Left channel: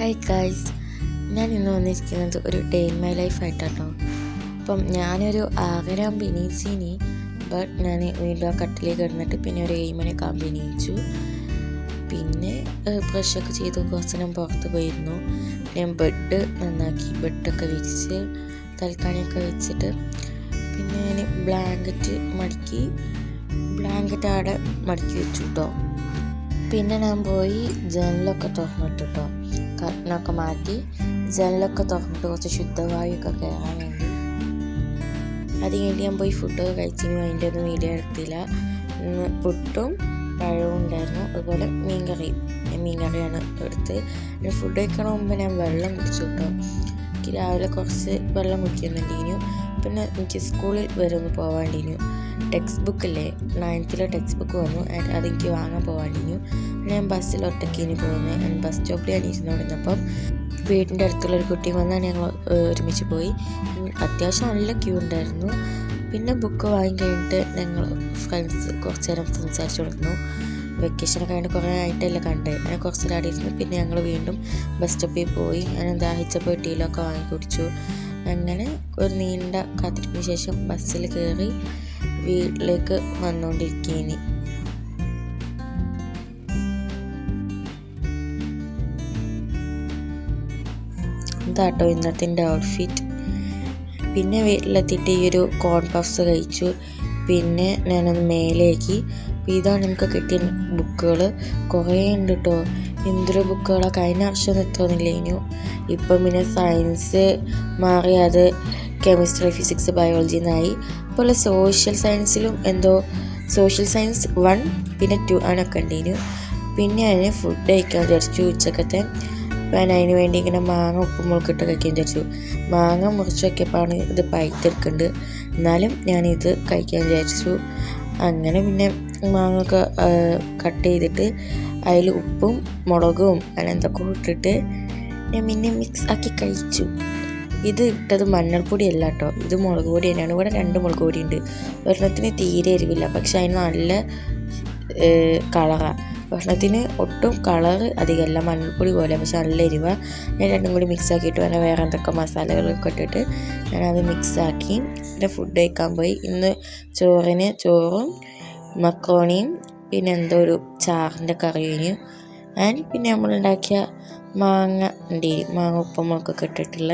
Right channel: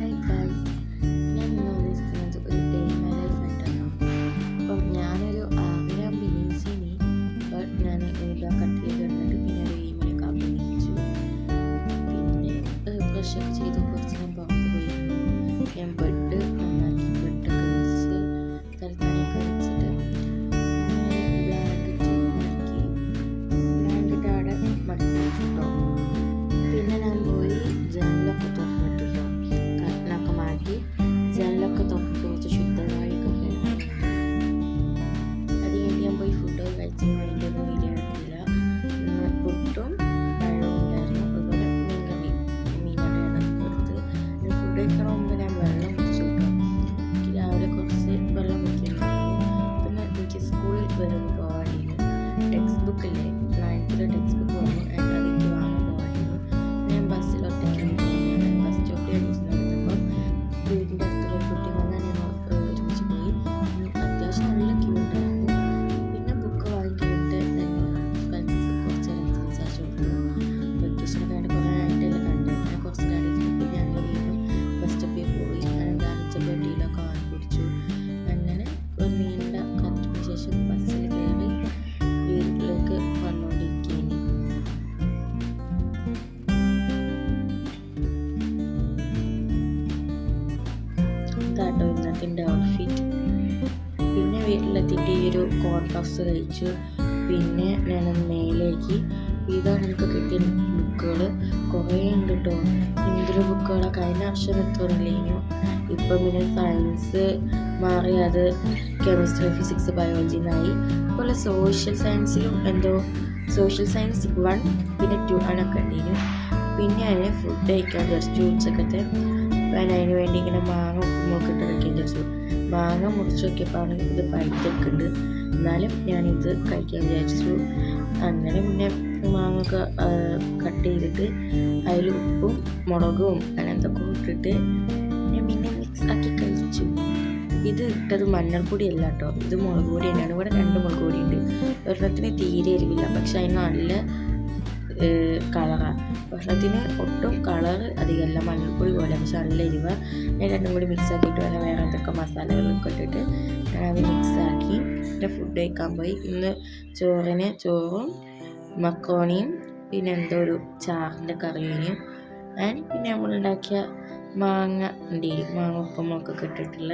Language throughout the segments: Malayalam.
ഹായ് ഗൈസ്, ഞാൻ ഇന്ന് വന്നിരിക്കുന്നത് ഒരു ഡേ ഇൻ മൈ ലൈഫ് ആയിട്ടാട്ടോ. അപ്പം ഞാനൊരു 6:30 എണീച്ചിനി. ബട്ട് ഞാൻ വീണ്ടും ആ കട്ടിലേക്ക് കിടന്നിട്ട് പിന്നെ ഒരു 7 മണിയൊക്കെ ആകുമ്പോൾ എണീച്ചു. പിന്നെ ബ്രഷൊക്കെ ചെയ്ത് കുറച്ച് ഞാൻ പുറത്ത് പോയിരുന്നു. ഞാൻ ബെഡ് നന്നാക്കി, ബെഡൊക്കെ വിരിച്ച് തൽക്കാണിയൊക്കെ വെച്ചിട്ട് പിന്നെ ഞാൻ ബ്ലാങ്കറ്റ് ആടെ മടക്കി വെച്ചു കേട്ടോ. പിന്നെ ഞാൻ പോയി ജനലൊക്കെ തുറന്നിട്ടു കേട്ടോ. കർട്ടനൊക്കെ മാറ്റി ജനലൊക്കെ തുറന്നിട്ട് കുറച്ച് ശുദ്ധവായുവൊക്കെ കയറാൻ വേണ്ടി. അത് കഴിഞ്ഞ് ഞാൻ പോയി ഫുഡൊക്കെ കഴിച്ചെങ്കിലും അതിൻ്റെ ഒന്നും വീഡിയോ എടുത്തില്ല. പുട്ടും പഴവും ഉണ്ടായിരുന്നു, അതുപോലെ മീൻകറിയാണ് എടുത്ത്. ഫുഡ് കഴിക്കണ മുമ്പ് ഞാൻ വെള്ളം കുടിച്ചു കേട്ടോ. എനിക്ക് രാവിലെ കുറച്ച് വെള്ളം കുടിക്കുന്നുണ്ടായിരുന്നു. പിന്നെ എനിക്ക് സ്കൂളിൽ വരെ ഒന്ന് പോകാണ്ടിരുന്നു. ടെക്സ്റ്റ് ബുക്കില്ലേ, 9th ടെക്സ്റ്റ് ബുക്ക് വന്നു, അതെനിക്ക് വാങ്ങാൻ പോകാണ്ടിരുന്നു. ഞാൻ ബസ്സിൽ ഒറ്റയ്ക്ക് പോകുന്നത്. ബസ് സ്റ്റോപ്പിൽ ഞാൻ ഇരുന്നുകൊണ്ടിരുന്നപ്പം വീടിൻ്റെ അടുത്തുള്ളൊരു കുട്ടി വന്നാൽ ഞങ്ങൾ ഒരുമിച്ച് പോയി. അത്യാവശ്യം നല്ല ക്യൂ ഉണ്ടായിരുന്നു. പിന്നെ ബുക്ക് വാങ്ങി കഴിഞ്ഞിട്ട് ഞങ്ങൾ ഫ്രണ്ട്സ് കുറച്ച് നേരം സംസാരിച്ചു കൊടുക്കുന്നു. വെക്കേഷനൊക്കെ കഴിഞ്ഞിട്ട് കുറേ ആയിട്ടല്ലേ കണ്ടേ. ഞാൻ കുറച്ച് നേരം ഇരുന്നു. പിന്നെ ഞങ്ങൾ വീണ്ടും ബസ് സ്റ്റോപ്പിൽ പോയി. ഞാൻ ദാഹിച്ചപ്പോൾ ടീലൊക്കെ വാങ്ങി കുടിച്ചു. അങ്ങനെ ഒരു നീണ്ട കാത്തിരിപ്പിന് ശേഷം ബസ്സിൽ കയറി വീട്ടിലേക്ക് വന്നുകൊണ്ടിരിക്കുകയാണ്. ഇതാട്ടോ ഇന്നത്തെ എൻ്റെ ഔട്ട്ഫിറ്റ്. പിന്നെ വീട്ടിലെത്തിയിട്ട് ഈ ഒരു കോൺ പഫ്സ് കഴിച്ചു. പിന്നെ ഞാനൊന്ന് മേലേക്ക്. ഇതാണ് എനിക്ക് കിട്ടിയ ബുക്കുകൾ. കുറേ ഉണ്ട് കേട്ടോ. എന്തൊരു ബുക്കുകളാണ്. കഴിഞ്ഞ വർഷം എത്രയൊന്നുമില്ലേനു. ഇപ്പം പിന്നെ സയൻസ് മാറി, അത് കെമിസ്ട്രി, ഫിസിക്സ്, ബയോളജി എന്നായി. അതുപോലെ സോഷ്യൽ സയൻസിലും എന്തോ സോഷ്യൽ സയൻസ് 1 പിന്നെ 2 അങ്ങനെയൊക്കെ ഉണ്ടേനു. പിന്നെ ഞാൻ ഫുഡ് കഴിക്കാൻ വിചാരിച്ചു ഉച്ചക്കത്തെ. ഞാൻ അതിന് വേണ്ടി ഇങ്ങനെ മാങ്ങ ഉപ്പുമുളകിട്ട് കഴിക്കാൻ വിചാരിച്ചു. മാങ്ങ മുറിച്ച് വയ്ക്കപ്പോഴാണ് ഇത് പഴുത്തെടുക്കുന്നുണ്ട്. എന്നാലും ഞാനിത് കഴിക്കാൻ വിചാരിച്ചു. അങ്ങനെ പിന്നെ മാങ്ങ ഒക്കെ കട്ട് ചെയ്തിട്ട് അതിൽ ഉപ്പും മുളകും അങ്ങനെ എന്തൊക്കെ ഇട്ടിട്ട് ഞാൻ പിന്നെ മിക്സ് ആക്കി കഴിച്ചു. ഇത് ഇട്ടത് മഞ്ഞൾപ്പൊടി അല്ല കേട്ടോ, ഇത് മുളക് പൊടി തന്നെയാണ്. ഇവിടെ 2 മുളക് പൊടി ഉണ്ട്. ഒരെണ്ണത്തിന് തീരെ എരിവില്ല, പക്ഷെ അതിന് നല്ല കളറാണ്. ഭക്ഷണത്തിന് ഒട്ടും കളർ അധികമല്ല, മഞ്ഞൾപ്പൊടി പോലെ, പക്ഷെ നല്ല എരിവാണ്. ഞാൻ രണ്ടും കൂടി മിക്സ് ആക്കിയിട്ട് വേറെ എന്തൊക്കെ മസാലകളൊക്കെ ഇട്ടിട്ട് ഞാനത് മിക്സാക്കി പിന്നെ ഫുഡ് കഴിക്കാൻ പോയി. ഇന്ന് ചോറും മക്രോണിയും പിന്നെ എന്തോ ഒരു ചാറിൻ്റെ കറിയും പിന്നെ നമ്മളുണ്ടാക്കിയ മാങ്ങ ഉപ്പുമുളകൊക്കെ ഇട്ടിട്ടുള്ള.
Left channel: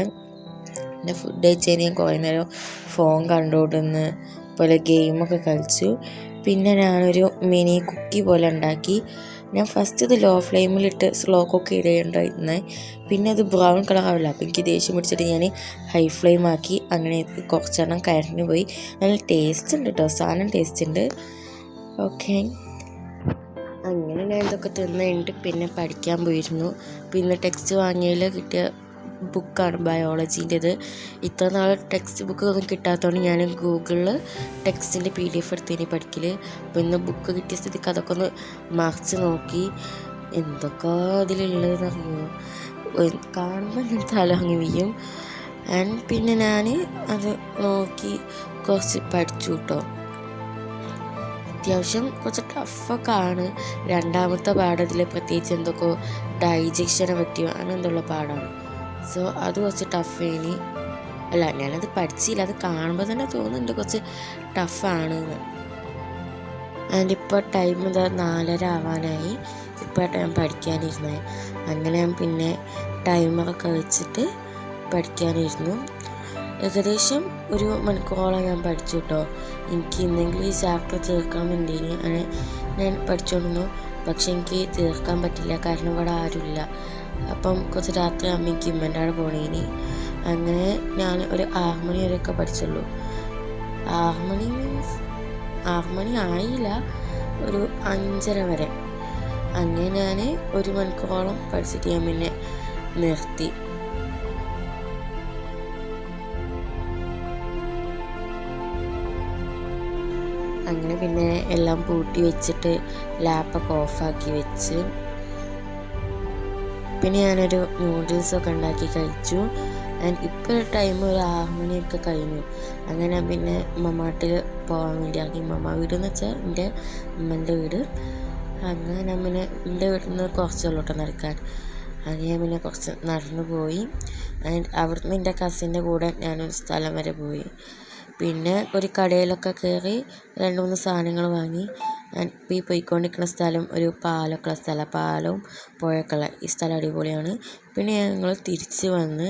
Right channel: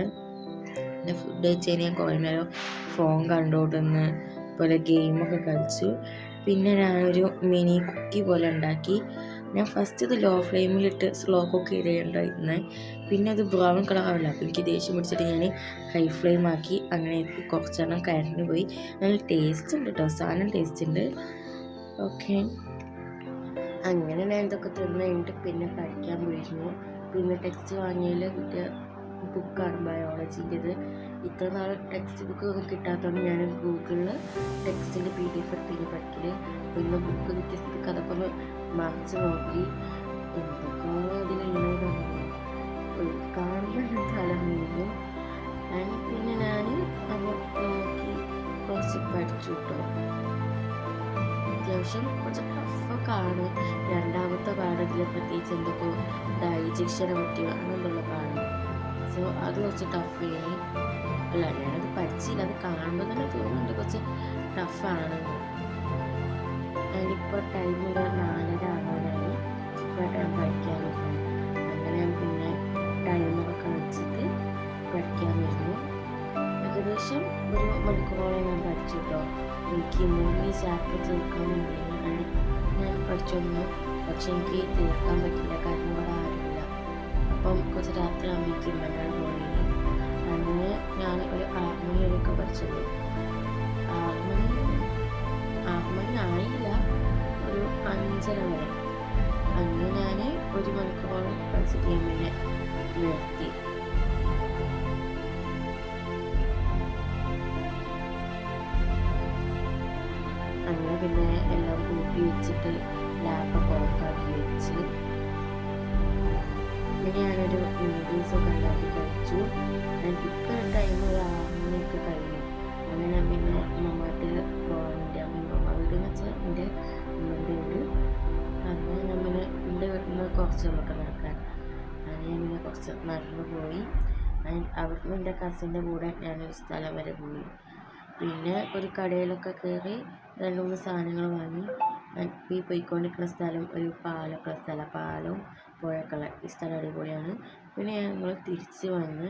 പിന്നെ ഫുഡ് കഴിച്ചതിന് ഞാൻ കുറേ നേരം ഫോൺ കണ്ടുകൊണ്ടിരുന്ന് പോലെ ഗെയിമൊക്കെ കളിച്ചു. പിന്നെ ഞാനൊരു മിനി കുക്കി പോലെ ഉണ്ടാക്കി. ഞാൻ ഫസ്റ്റ് ഇത് ലോ ഫ്ലെയിമിലിട്ട് സ്ലോ കുക്ക് ഇടേണ്ടായിരുന്നത്. പിന്നെ അത് ബ്രൗൺ കളറാവില്ല, അപ്പോൾ എനിക്ക് ദേഷ്യം പിടിച്ചിട്ട് ഞാൻ ഹൈ ഫ്ലെയിം ആക്കി. അങ്ങനെ കുറച്ചെണ്ണം കരിഞ്ഞു പോയി. നല്ല ടേസ്റ്റ് ഉണ്ട് കേട്ടോ, സാധനം ടേസ്റ്റ് ഉണ്ട്. ഓക്കെ, അങ്ങനെ ഞാൻ ഇതൊക്കെ തിന്ന് കഴിഞ്ഞിട്ട് പിന്നെ പഠിക്കാൻ പോയിരുന്നു. പിന്നെ ടെക്സ്റ്റ് വാങ്ങിയതിൽ കിട്ടിയ ബുക്കാണ് ബയോളജീൻ്റെത്. ഇത്ര നാൾ ടെക്സ്റ്റ് ബുക്ക് ഒന്നും കിട്ടാത്തതുകൊണ്ട് ഞാൻ ഗൂഗിളിൽ ടെക്സ്റ്റിൻ്റെ PDF എടുത്തേനി പഠിക്കൽ. അപ്പോൾ ഇന്ന് ബുക്ക് കിട്ടിയ സ്ഥിതിക്ക് അതൊക്കെ ഒന്ന് മറിച്ച് നോക്കി. എന്തൊക്കെ അതിലുള്ളതെന്ന് അറിയുമോ, കാണുമ്പോൾ ഞാൻ തല അങ്ങ് വീഴും. പിന്നെ ഞാൻ അത് നോക്കി കുറച്ച് പഠിച്ചു കേട്ടോ. അത്യാവശ്യം കുറച്ച് ടഫൊക്കെ ആണ്. രണ്ടാമത്തെ പാഠത്തിൽ പ്രത്യേകിച്ച് എന്തൊക്കെ ഡൈജഷനെ പറ്റിയോ അങ്ങനെ എന്തുള്ള പാടാണ്. സോ അത് കുറച്ച് ടഫേനി. അല്ല, ഞാനത് പഠിച്ചില്ല, അത് കാണുമ്പോൾ തന്നെ തോന്നുന്നുണ്ട് കുറച്ച് ടഫാണ്. ഇപ്പോൾ ടൈം 4:30 ആവാനായി. ഇപ്പോഴാണ് ഞാൻ പഠിക്കാനിരുന്നത്. അങ്ങനെ ഞാൻ പിന്നെ ടൈമറൊക്കെ വെച്ചിട്ട് പഠിക്കാനിരുന്നു. ഏകദേശം 1 മണിക്കൂറോളം ഞാൻ പഠിച്ചു കേട്ടോ. എനിക്ക് ഇന്നെങ്കിലും ഈ ചാപ്റ്റർ തീർക്കാൻ വേണ്ടിയിന് അങ്ങനെ ഞാൻ പഠിച്ചുകൊണ്ടിരുന്നു. പക്ഷെ എനിക്ക് തീർക്കാൻ പറ്റില്ല, കാരണം ഇവിടെ ആരുമില്ല. അപ്പം കുറച്ച് രാത്രി അമ്മയ്ക്ക് ഉമ്മൻ്റെ അവിടെ പോണേനി. അങ്ങനെ ഞാൻ ഒരു 6 മണി വരെയൊക്കെ പഠിച്ചുള്ളൂ. 6 മണി ആയില്ല, ഒരു 5:30 വരെ. അങ്ങനെ ഞാൻ 1 മണിക്കൂറോളം പഠിച്ചിട്ട് ഞാൻ പിന്നെ നിർത്തി. അങ്ങനെ പിന്നെ എല്ലാം പൂട്ടി വെച്ചിട്ട് ലാപ്പൊക്കെ ഓഫാക്കി വെച്ച് പിന്നെ ഞാനൊരു നൂഡിൽസൊക്കെ ഉണ്ടാക്കി കഴിച്ചു. ഇപ്പോൾ ടൈം ഒരു 6 മണിയൊക്കെ കഴിഞ്ഞു. അങ്ങനെ പിന്നെ ഉമ്മ വീട്ടിൽ പോകാൻ വേണ്ടി ഇറങ്ങി. ഉമ്മ വീടെന്ന് വെച്ചാൽ എൻ്റെ ഉമ്മൻ്റെ വീട്. അങ്ങനെ ഞാൻ പിന്നെ എൻ്റെ വീട്ടിൽ നിന്ന് കുറച്ചുള്ളോട്ട് നടക്കാൻ. അങ്ങനെ പിന്നെ കുറച്ച് നടന്നു പോയി. ആൻഡ് അവിടുന്ന് എൻ്റെ കസിൻ്റെ കൂടെ ഞാനൊരു സ്ഥലം വരെ പോയി. പിന്നെ ഒരു കടയിലൊക്കെ കയറി 2-3 സാധനങ്ങൾ വാങ്ങി. ഈ പോയിക്കൊണ്ടിരിക്കുന്ന സ്ഥലം ഒരു പാലമൊക്കെ ഉള്ള സ്ഥലം, പാലവും പുഴയൊക്കെ ഉള്ള ഈ സ്ഥലം അടിപൊളിയാണ്. പിന്നെ ഞങ്ങൾ തിരിച്ച് വന്ന്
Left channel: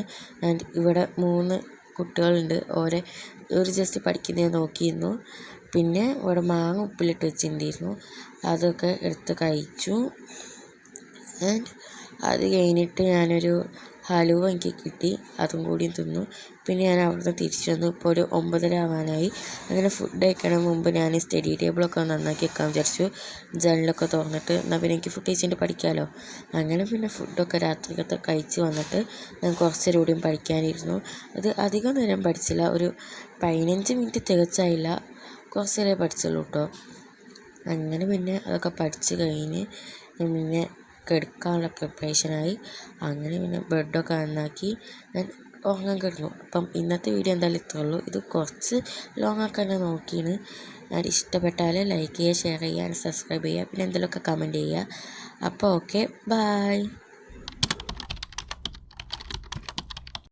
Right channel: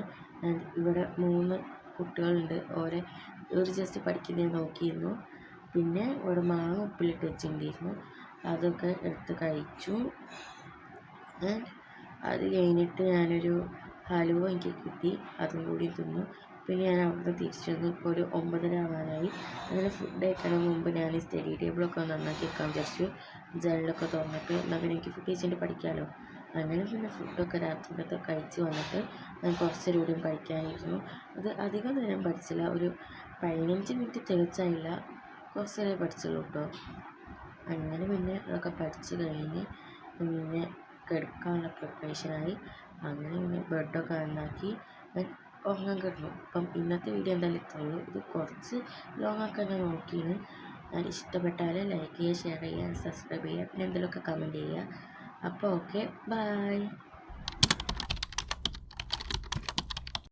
ഇവിടെ 3 കുട്ടികളുണ്ട്, ഒരു ജസ്റ്റ് പഠിക്കുന്നത് നോക്കിയിരുന്നു. പിന്നെ ഇവിടെ മാങ്ങ ഉപ്പിലിട്ട് വെച്ചിട്ടുണ്ടായിരുന്നു, അതൊക്കെ എടുത്ത് കഴിച്ചു. ആൻഡ് അത് കഴിഞ്ഞിട്ട് ഞാനൊരു ഹലുവ എനിക്ക് കിട്ടി, അതും കൂടി തിന്നു. പിന്നെ ഞാൻ അവിടുന്ന് തിരിച്ചു വന്നു. ഇപ്പോൾ ഒരു 9:30 ആവാനായി. അങ്ങനെ ഫുഡ് കഴിക്കണ മുമ്പ് ഞാൻ സ്റ്റഡി ടേബിളൊക്കെ നന്നാക്കി വെക്കാൻ വിചാരിച്ചു, ജനലൊക്കെ തുറന്നിട്ട്. എന്നാൽ പിന്നെ എനിക്ക് ഫുഡ് കഴിച്ചിട്ട് പഠിക്കാമല്ലോ. അങ്ങനെ പിന്നെ ഫുഡൊക്കെ രാത്രിക്കത്തെ കഴിച്ച് വന്നിട്ട് ഞാൻ കുറച്ച് നേരം കൂടിയും പഠിക്കാനിരുന്നു. അത് അധികം നേരം പഠിച്ചില്ല, ഒരു 15 മിനിറ്റ് തികച്ചായില്ല, കുറച്ച് നേരം പഠിച്ചുള്ളൂ കേട്ടോ. അങ്ങനെ പിന്നെ അതൊക്കെ പഠിച്ച് കഴിഞ്ഞ് പിന്നെ കിടക്കാനുള്ള പ്രിപ്പറേഷനായി. അങ്ങനെ പിന്നെ ബെഡൊക്കെ നന്നാക്കി ഞാൻ ഉറങ്ങാൻ കിടന്നു. അപ്പം ഇന്നത്തെ വീഡിയോ എന്തായാലും ഇത്രേ ഉള്ളൂ. ഇത് കുറച്ച് ലോങ്ങൊക്കെ തന്നെ നോക്കിയാണ്. ഞാൻ ഇഷ്ടപ്പെട്ടാൽ ലൈക്ക് ചെയ്യുക, ഷെയർ ചെയ്യുക, സബ്സ്ക്രൈബ് ചെയ്യുക, പിന്നെ എന്തെങ്കിലുമൊക്കെ കമൻറ്റ് ചെയ്യുക. അപ്പോൾ ഓക്കെ, ബൈ.